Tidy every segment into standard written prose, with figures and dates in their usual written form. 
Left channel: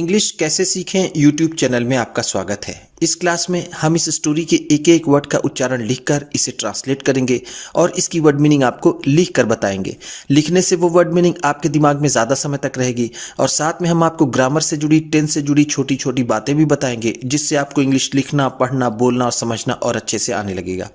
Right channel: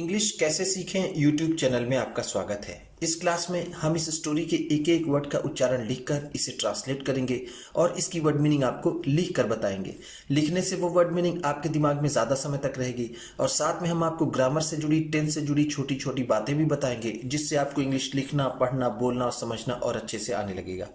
English कैसे सीखें YouTube channel में आपका स्वागत है। इस क्लास में हम इस स्टोरी के एक एक वर्ड का उच्चारण लिखकर इसे ट्रांसलेट करेंगे और इसकी वर्ड मीनिंग आपको लिख कर बताएंगे। लिखने से वो वर्ड मीनिंग आपके दिमाग में ज़्यादा समय तक रहेगी और साथ में हम आपको ग्रामर से जुड़ी, टेंस से जुड़ी छोटी छोटी बातें भी बताएंगे, जिससे आपको इंग्लिश लिखना, पढ़ना, बोलना और समझना और अच्छे से आने लगेगा।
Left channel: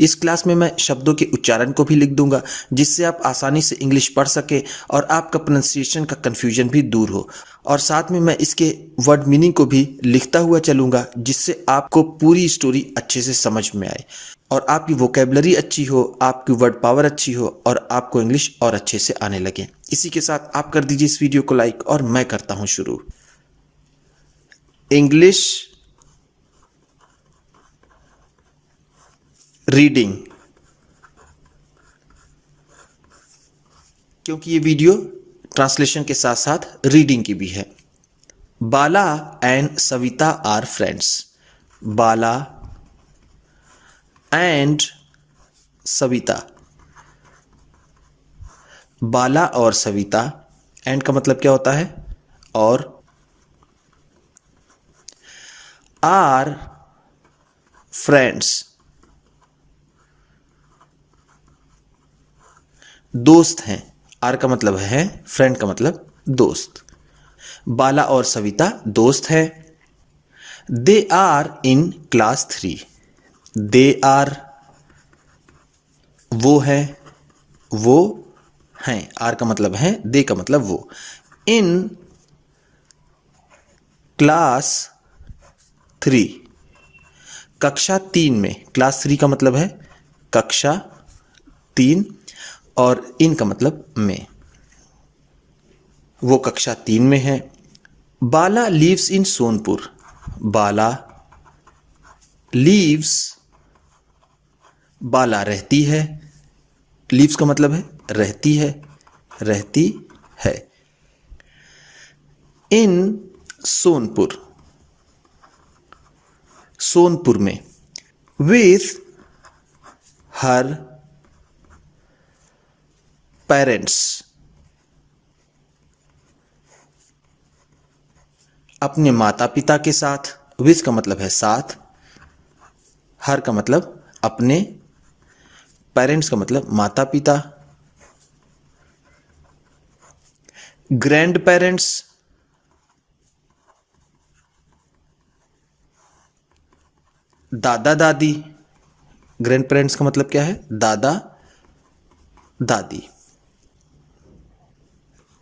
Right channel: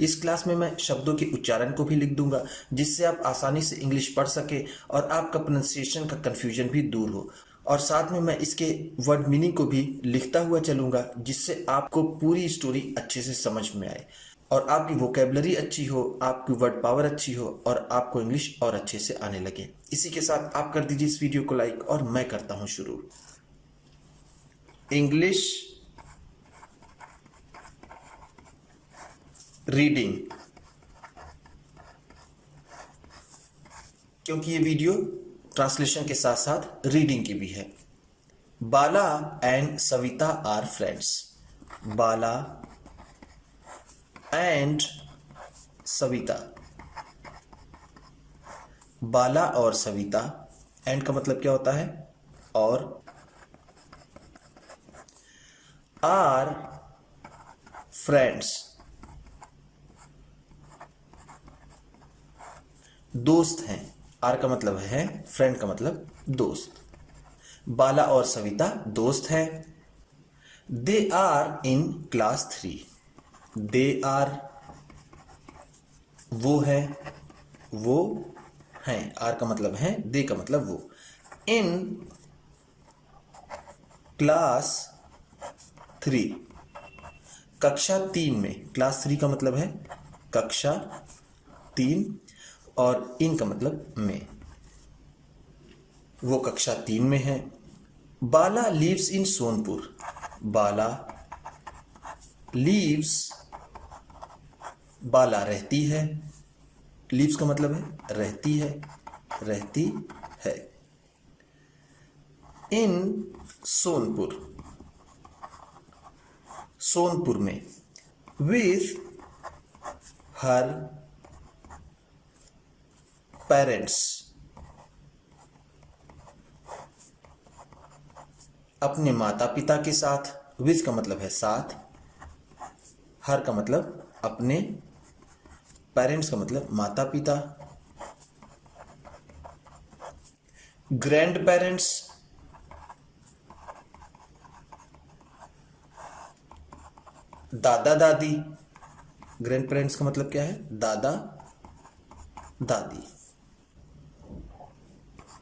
इस क्लास में मैं शब्दों के उच्चारण को भी लिख दूंगा, जिससे आप आसानी से इंग्लिश पढ़ सके और आपका प्रोनाउंसिएशन का कन्फ्यूजन भी दूर हो। और साथ में मैं इसके वर्ड मीनिंग को भी लिखता हुआ चलूंगा, जिससे आपको पूरी स्टोरी अच्छे से समझ में आए और आपकी वोकेबलरी अच्छी हो, आपकी वर्ड पावर अच्छी हो और आपको इंग्लिश और अच्छे से आने लगे। इसी के साथ आप कर दीजिए इस वीडियो को लाइक और मैं करता हूं शुरू। इंग्लिश रीडिंग, क्योंकि ये वीडियो ट्रांसलेशन के साथ साथ रीडिंग की भी है। Bala and Savita are friends. Bala and Savita. Bala और सविता, एंड का मतलब क्या होता है? और। आर फ्रेंड्स, दोस्त हैं। आर का मतलब है, फ्रेंड का मतलब दोस्त। बाला और सविता दोस्त हैं। They are in class 3। They are, वो है, वो हैं। आर का मतलब है, दे का मतलब वो। इन क्लास 3, कक्षा 3 में। क्लास 3 का मतलब है कक्षा 3 और इन का मतलब में। वो कक्षा 3 में है। Bala lives in Sonpur. Bala lives, Bala रहती है। लीव्स का मतलब है रहती है, रहती है। इन सोनपुर, सोनपुर में। विथ हर पेरेंट्स, अपने माता पिता के साथ। विथ का मतलब है साथ, हर का मतलब अपने, पेरेंट्स का मतलब माता पिता। ग्रैंड पेरेंट्स, दादा दादी। ग्रैंड पेरेंट्स का मतलब क्या है? दादा दादी।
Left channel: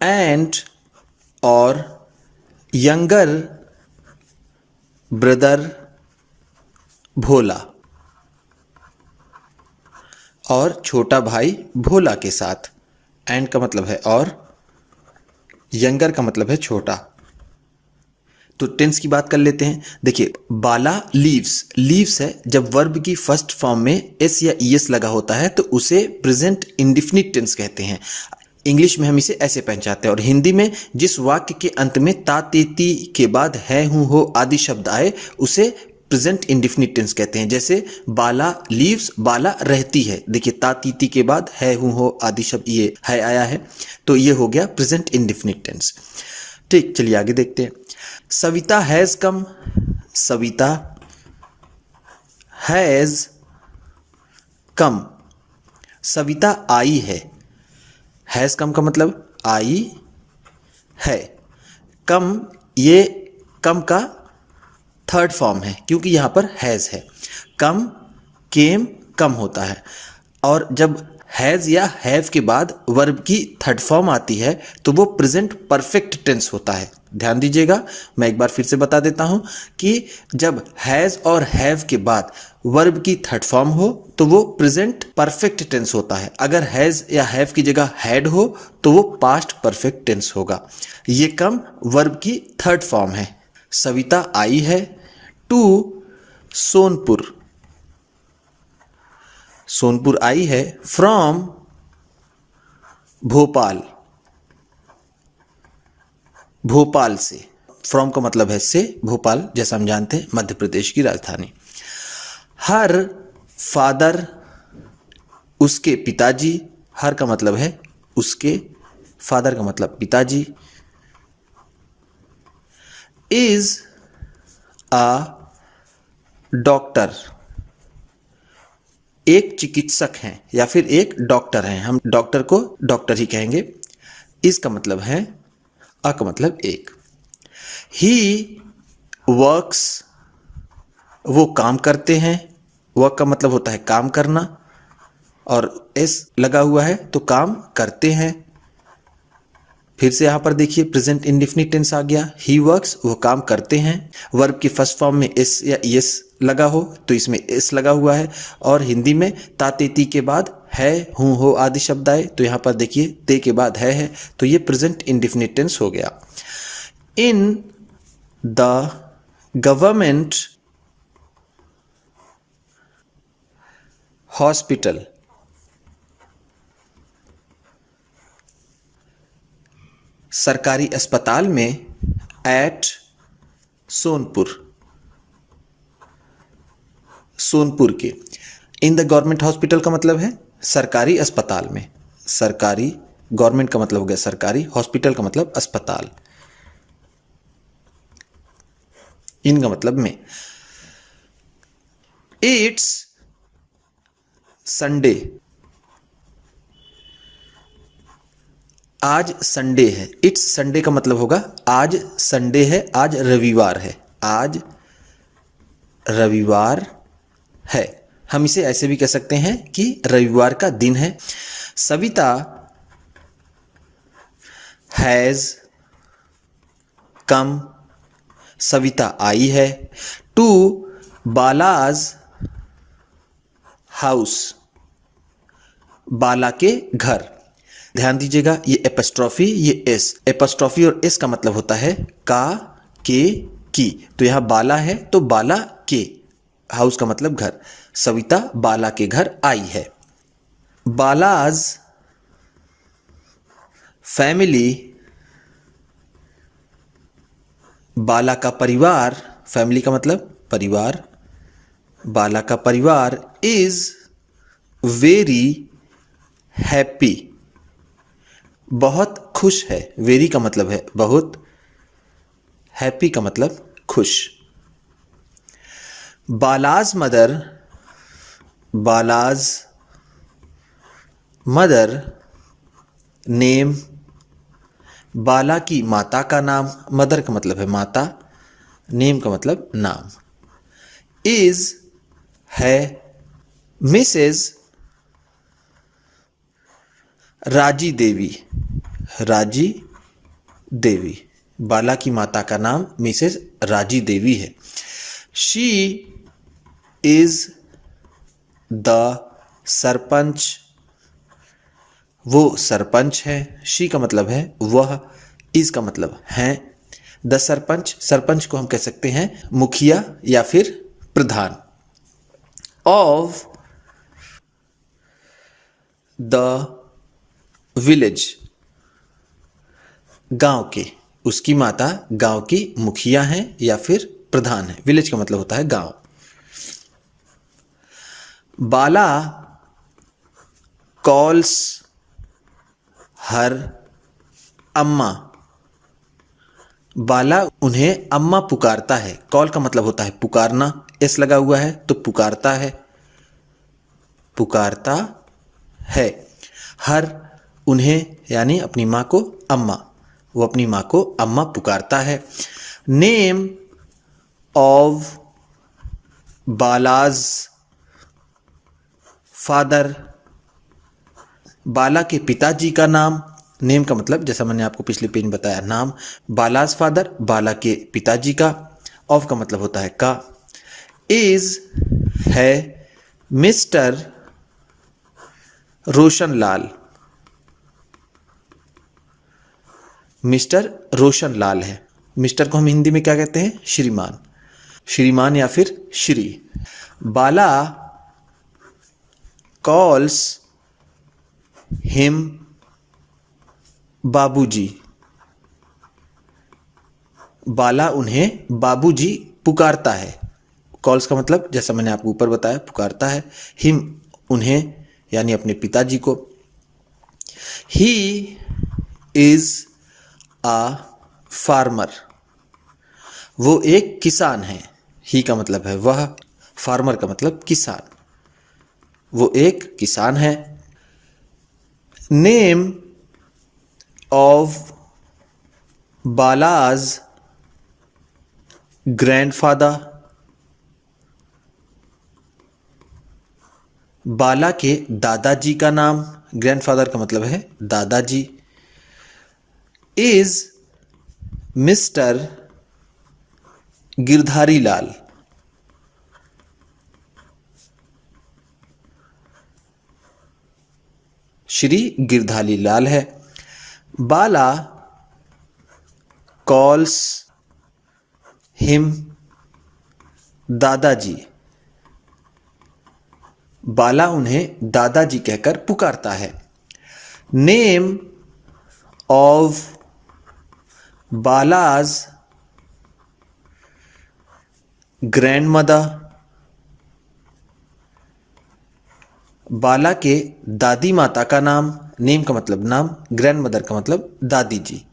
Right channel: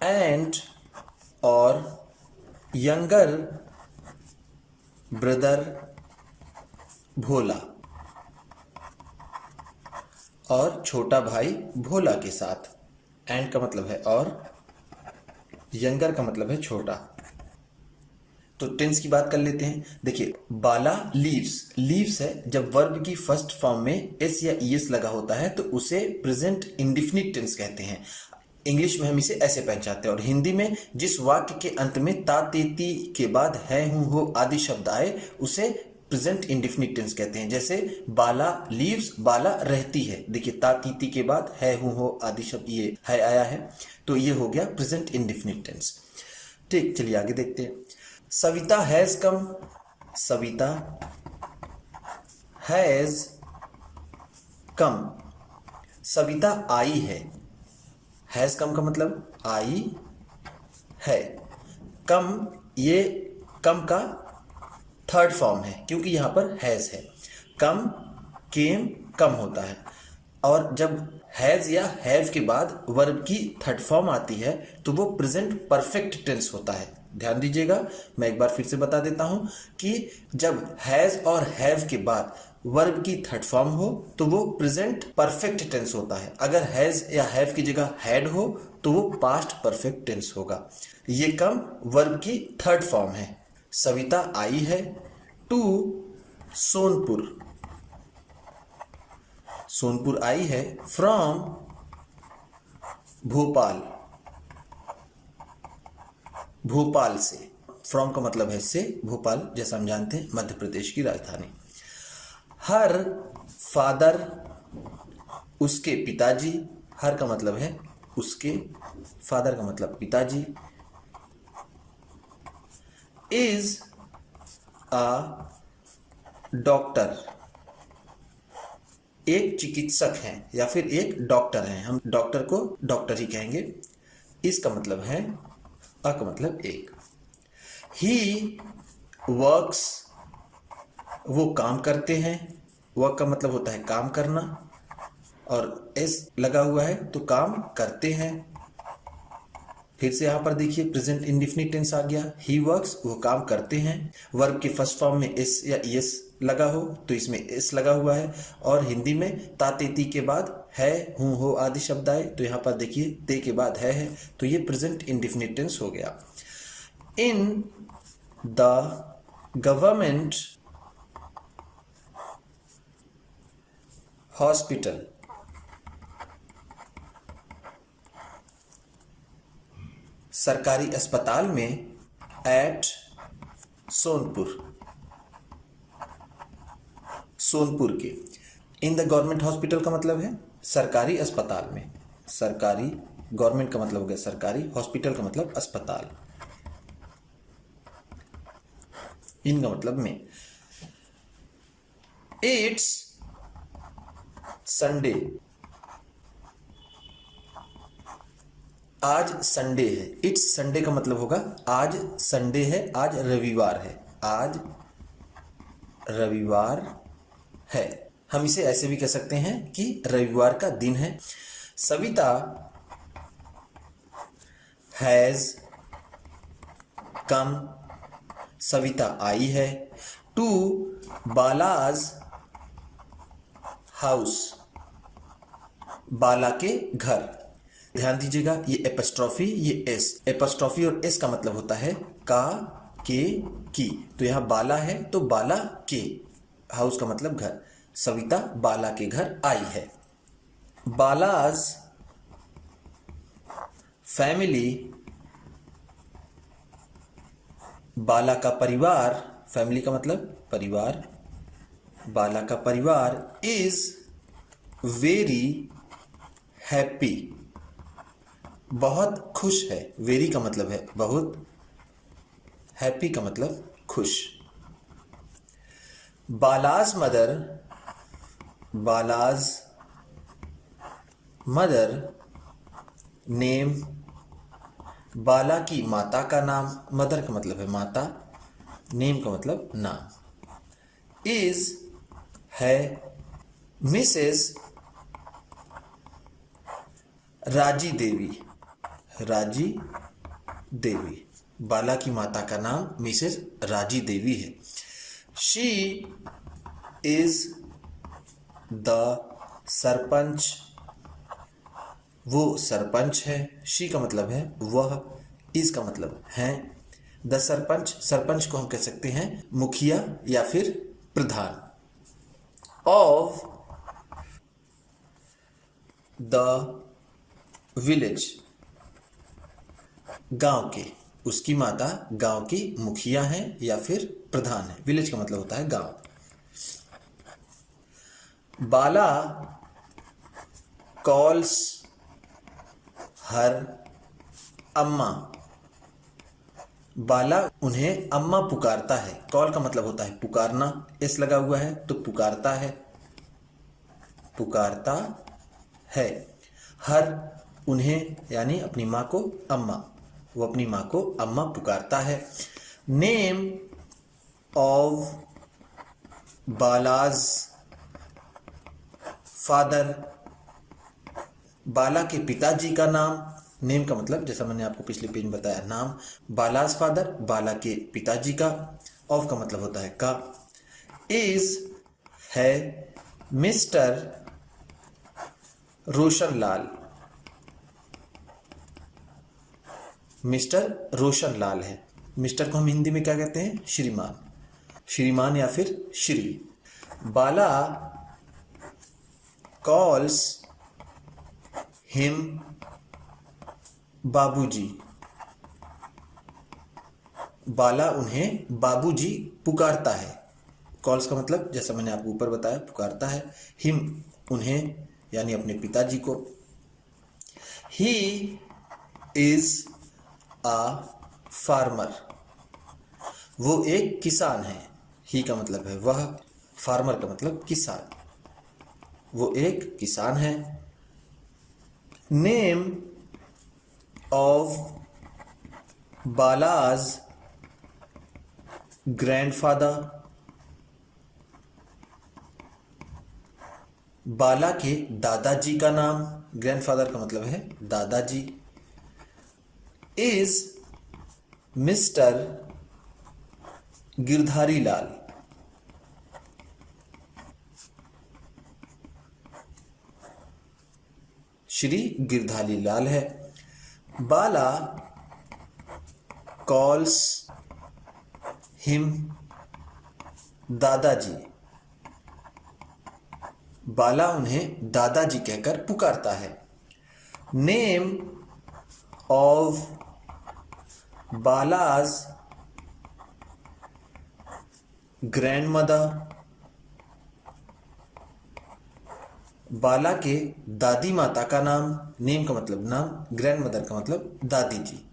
एंड और यंगर ब्रदर भोला, और छोटा भाई भोला के साथ। एंड का मतलब है और, यंगर का मतलब है छोटा। तो टेंस की बात कर लेते हैं। देखिए, बाला लीव्स, लीव्स है जब वर्ब की फर्स्ट फॉर्म में एस या ईएस लगा होता है तो उसे प्रेजेंट इंडिफिनिट टेंस कहते हैं। इंग्लिश में हम इसे ऐसे पहचानते हैं। और हिंदी में जिस वाक्य के अंत में ता तेती के बाद है, हूं, हो आदि शब्द आए उसे प्रेजेंट इंडिफिनिट टेंस कहते हैं। जैसे बाला लीव्स, बाला रहती है। देखिए, ता तीती के बाद है, हूं, हो आदि शब्द ये है आया है, तो ये हो गया प्रेजेंट इंडिफिनिट टेंस। ठीक, चलिए आगे देखते हैं। Savita has come. Savita has come. Savita आई है। हैज कम का मतलब आई है। कम, ये कम का थर्ड फॉर्म है क्योंकि यहां पर हैज है। कम, केम, कम होता है। और जब हैज या हैव के बाद वर्ब की थर्ड फॉर्म आती है तो वो प्रेजेंट परफेक्ट टेंस होता है। ध्यान दीजिएगा, मैं एक बार फिर से बता देता हूं कि जब हैज और हैव के बाद वर्ब की थर्ड फॉर्म हो तो वो प्रेजेंट परफेक्ट टेंस होता है। अगर हैज या हैव की जगह हैड हो तो वो पास्ट परफेक्ट टेंस होगा। ये कम वर्ब की थर्ड फॉर्म है। सविता आई है टू सोनपुर। सोनपुर आई है फ्रॉम भोपाल। भोपाल से। फ्रॉम का मतलब है से, भोपाल जैसा हम जानते हैं मध्य प्रदेश की राजधानी। हर फादर, उसके पिताजी। हर का मतलब है उसके, फादर का मतलब पिताजी। इज अ डॉक्टर, एक चिकित्सक हैं या फिर एक डॉक्टर हैं, हम डॉक्टर को डॉक्टर ही कहेंगे। इसका मतलब है, अ का मतलब एक। ही वर्क्स, वो काम करते हैं, वर्क का मतलब होता है काम करना, और एस लगा हुआ है तो काम करते हैं। फिर से यहां पर देखिए प्रेजेंट इंडेफिनिट टेंस आ गया। ही वर्क्स, वो काम करते हैं। वर्ब की फर्स्ट फॉर्म में एस या यस लगा हो तो इसमें एस लगा हुआ है, और हिंदी में तातेती के बाद है, हूं, हो आदि शब्द आए तो यहां पर देखिए ते के बाद है, तो ये प्रेजेंट इंडेफिनिट टेंस हो गया। इन द गवर्नमेंट हॉस्पिटल, सरकारी अस्पताल में, एट सोनपुर, सोनपुर के। इन द गवर्नमेंट हॉस्पिटल का मतलब है सरकारी अस्पताल में, सरकारी, गवर्नमेंट का मतलब हो गया सरकारी, हॉस्पिटल का मतलब अस्पताल, इनका मतलब में। इट्स संडे, आज संडे है। इट्स संडे का मतलब होगा आज संडे है, आज रविवार है, आज रविवार है। हम इसे ऐसे भी कह सकते हैं कि रविवार का दिन है। सविता हैज कम, सविता आई है, टू बालाज हाउस, बाला के घर। ध्यान दीजिएगा ये एपस्ट्रॉफी, ये एस, एपस्ट्रॉफी और एस का मतलब होता है का, के, की। तो यहां बाला है तो बाला के, हाउस का मतलब घर। सविता बाला के घर आई है। बालाज फैमिली, बाला का परिवार, फैमिली का मतलब परिवार, बाला का परिवार इज वेरी हैप्पी, बहुत खुश है। वेरी का मतलब है बहुत, हैप्पी का मतलब खुश। बालाज मदर, बालाज मदर नेम, बाला की माता का नाम, मदर का मतलब है माता, नेम का मतलब नाम। इज है मिसेस राजी देवी, राजी देवी, बाला की माता का नाम मिसेस राजी देवी है। शी इज द सरपंच, वो सरपंच है। शी का मतलब है वह, इज का मतलब है। द सरपंच, सरपंच को हम कह सकते हैं मुखिया या फिर प्रधान। ऑफ द विलेज, गांव के, उसकी माता गांव की मुखिया हैं या फिर प्रधान है। विलेज का मतलब होता है गांव। बाला कॉल्स हर अम्मा, बाला उन्हें अम्मा पुकारता है। कॉल का मतलब होता है पुकारना, एस लगा हुआ है तो पुकारता है, पुकारता है। हर उन्हें यानी अपनी माँ को अम्मा, वो अपनी माँ को अम्मा पुकारता है। नेम ऑफ बालाज फादर, बाला के पिताजी का नाम। नेम का मतलब जैसा मैंने आपको पिछले पेज में बताया, नाम। बालाज फादर, बाला के पिताजी का। ऑफ का मतलब होता है का। इज है मिस्टर रोशनलाल, मिस्टर रोशनलाल है। मिस्टर को हम हिंदी में क्या कहते हैं? श्रीमान, श्रीमान या फिर श्री। बाला कॉल्स हिम बाबूजी, बाला उन्हें बाबूजी पुकारता है। कॉल्स का मतलब जैसा मैंने आपको ऊपर बताया पुकारता है। हिम उन्हें यानी अपने पिताजी को। ही इज अ फार्मर, वो एक किसान है। ही का मतलब है वह, फार्मर का मतलब किसान। वो एक किसान है। नेम ऑफ बालाज ग्रैंडफादर, बाला के दादाजी का नाम, ग्रैंडफादर का मतलब है दादाजी, इज मिस्टर गिरधारी लाल, श्री गिरधारी लाल है। बाला कॉल्स हिम दादाजी, बाला उन्हें दादाजी कहकर पुकारता है। नेम ऑफ बालाज ग्रैंडमदर, बाला के दादी माता का नाम, नेम का मतलब नाम, ग्रैंडमदर का मतलब दादी जी,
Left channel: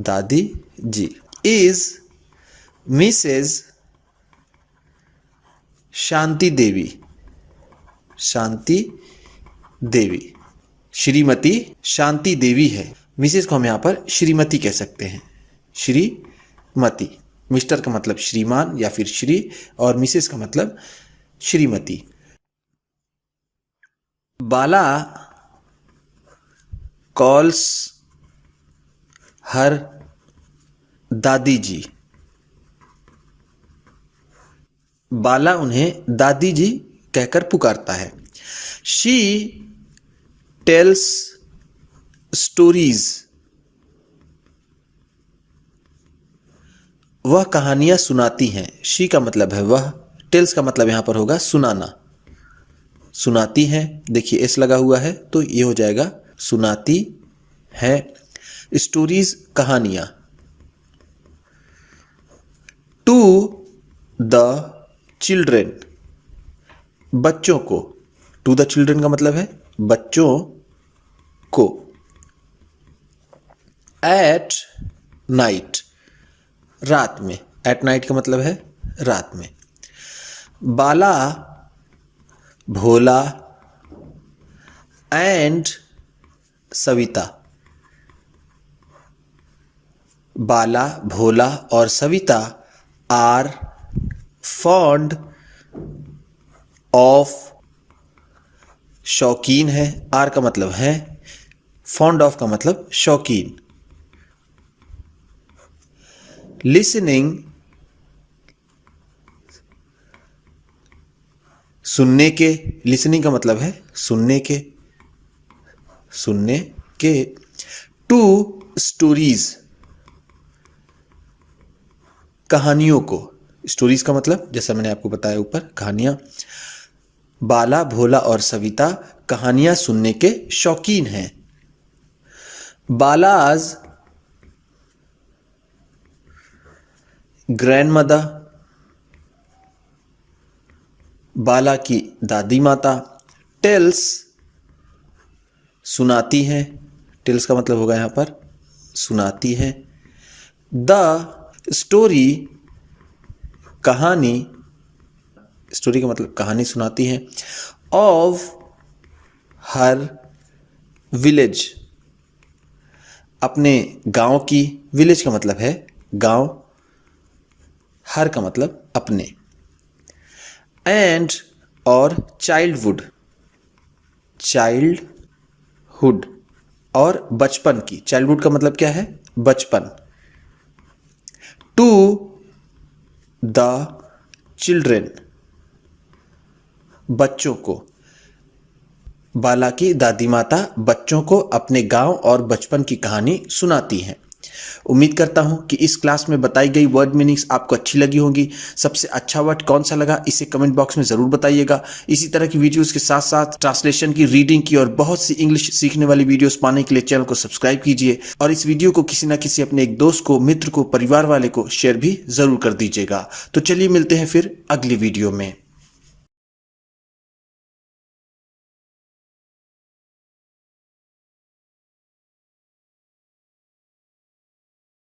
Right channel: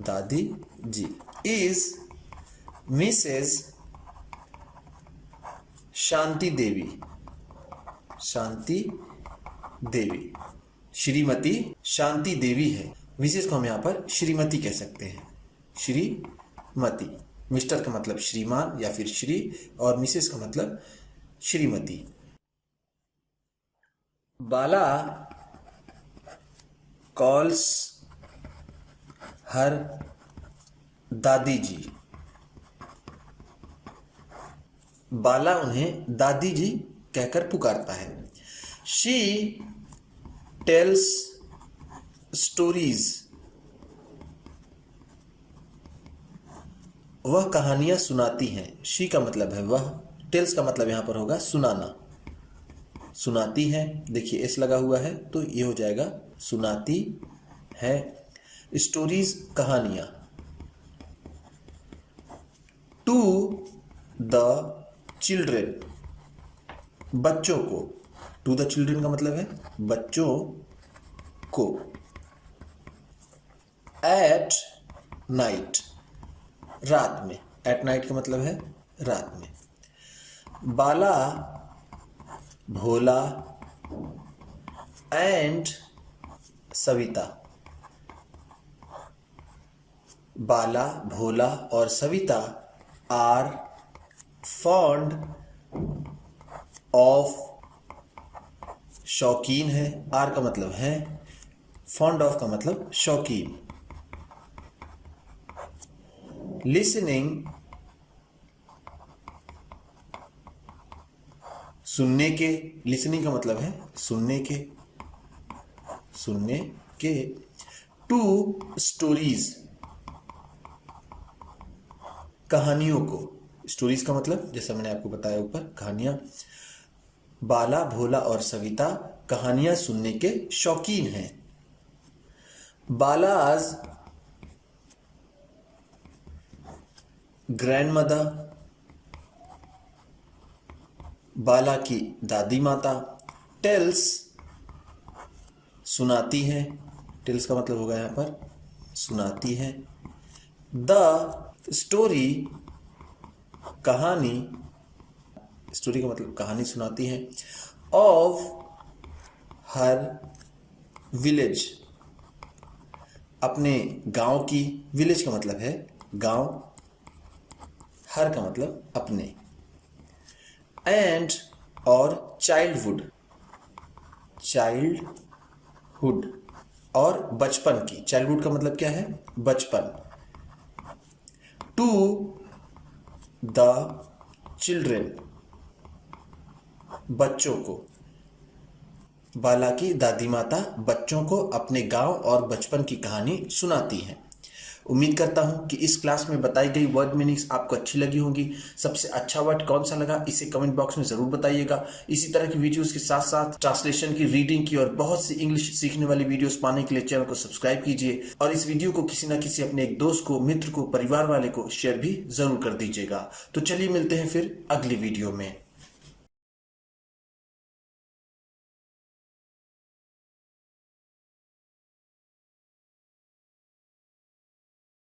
दादी जी, इज मिसेस शांति देवी, शांति देवी, श्रीमती शांति देवी है। मिसेस को हम यहां पर श्रीमती कह सकते हैं, श्रीमती। मिस्टर का मतलब श्रीमान या फिर श्री, और मिसेस का मतलब श्रीमती। बाला कॉल्स हर दादी जी, बाला उन्हें दादी जी कहकर पुकारता है। शी टेल्स स्टोरीज, वह कहानियां सुनाती हैं। शी का मतलब है वह, टेल्स का मतलब यहां पर होगा सुनाना, सुनाती हैं। देखिए एस लगा हुआ है तो ये हो जाएगा सुनाती है। स्टोरीज कहानियां। टू द चिल्ड्रेन, बच्चों को। टू द चिल्ड्रेन का मतलब है बच्चों को। एट नाइट, रात में। एट नाइट का मतलब है रात में। बाला भोला एंड सविता, बाला भोला और सविता आर फॉन्ड ऑफ, शौकीन है। आर का मतलब है, फॉन्ड ऑफ का मतलब शौकीन। लिसनिंग, सुनने के। लिसनिंग का मतलब है सुनने के, सुनने के। टू स्टोरीज, कहानियों को। स्टोरीज का मतलब जैसा मैंने आपको बताया ऊपर, कहानियां। बाला भोला और सविता कहानियां सुनने के शौकीन हैं। बालाज ग्रैंडमदर, बाला की दादी माता। टेल्स, सुनाती हैं। टेल्स का मतलब होगा यहां पर सुनाती है। द स्टोरी, कहानी। स्टोरी का मतलब कहानी सुनाती है। ऑफ हर विलेज, अपने गांव की। विलेज का मतलब है गांव, हर का मतलब अपने। एंड और चाइल्डहुड, चाइल्डहुड और बचपन की। चाइल्डहुड का मतलब क्या है, बचपन। टू द चिल्ड्रेन, बच्चों को। बाला की दादी माता बच्चों को अपने गांव और बचपन की कहानी सुनाती हैं। उम्मीद करता हूं कि इस क्लास में बताई गई वर्ड मीनिंग्स आपको अच्छी लगी होंगी। सबसे अच्छा वर्ड कौन सा लगा इसे कमेंट बॉक्स में ज़रूर बताइएगा। इसी तरह की वीडियोस के साथ साथ ट्रांसलेशन की, रीडिंग की और बहुत सी इंग्लिश सीखने वाली वीडियोस पाने के लिए चैनल को सब्सक्राइब कीजिए और इस वीडियो को किसी न किसी अपने एक दोस्त को, मित्र को, परिवार वाले को शेयर भी ज़रूर कर दीजिएगा। तो चलिए मिलते हैं फिर अगली वीडियो में।